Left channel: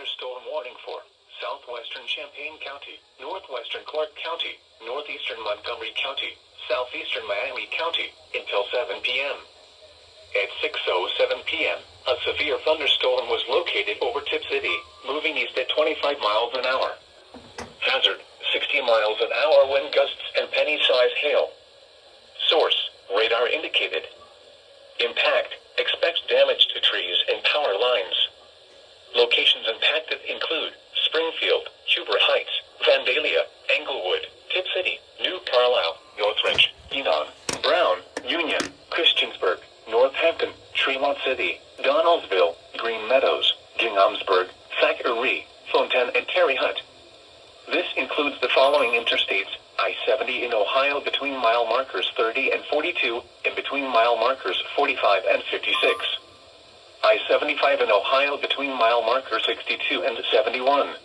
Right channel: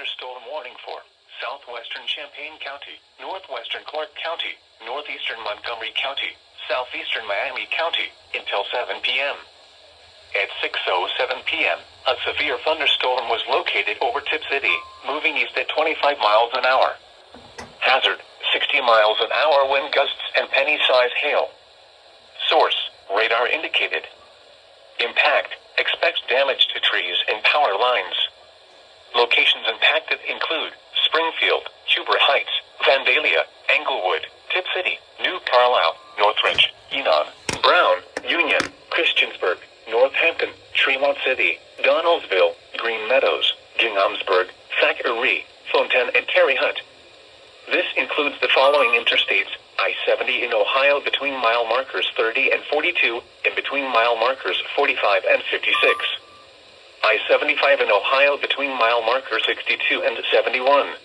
Thunderstorm Warning for southwestern Champaign County, northwestern Clark County, northeastern Montgomery County, southeastern Miami County, until 7 p.m. At 6:07 p.m., a severe thunderstorm was located over Tip City, moving east at 25 miles an hour. Hazard, 60 miles an hour wind gusts and penny-size hail. Source, radar indicated. Impact, expects damage to trees and power lines. Locations impacted include Springfield, Huber Heights, Vandalia, Englewood, Tip City, New Carlisle, Northridge, Enon, Brown, Union, Christiansburg, Northampton, Tremont City, Donaldsville, Green Meadows, Ginghamsburg, Thackeray, Fontaine, and Terre Haute. This includes the following interstates: I-70 in Ohio between mile markers 30 and 42, and between mile markers 45 and 56. I-75 in Ohio between mile markers 62 and 71.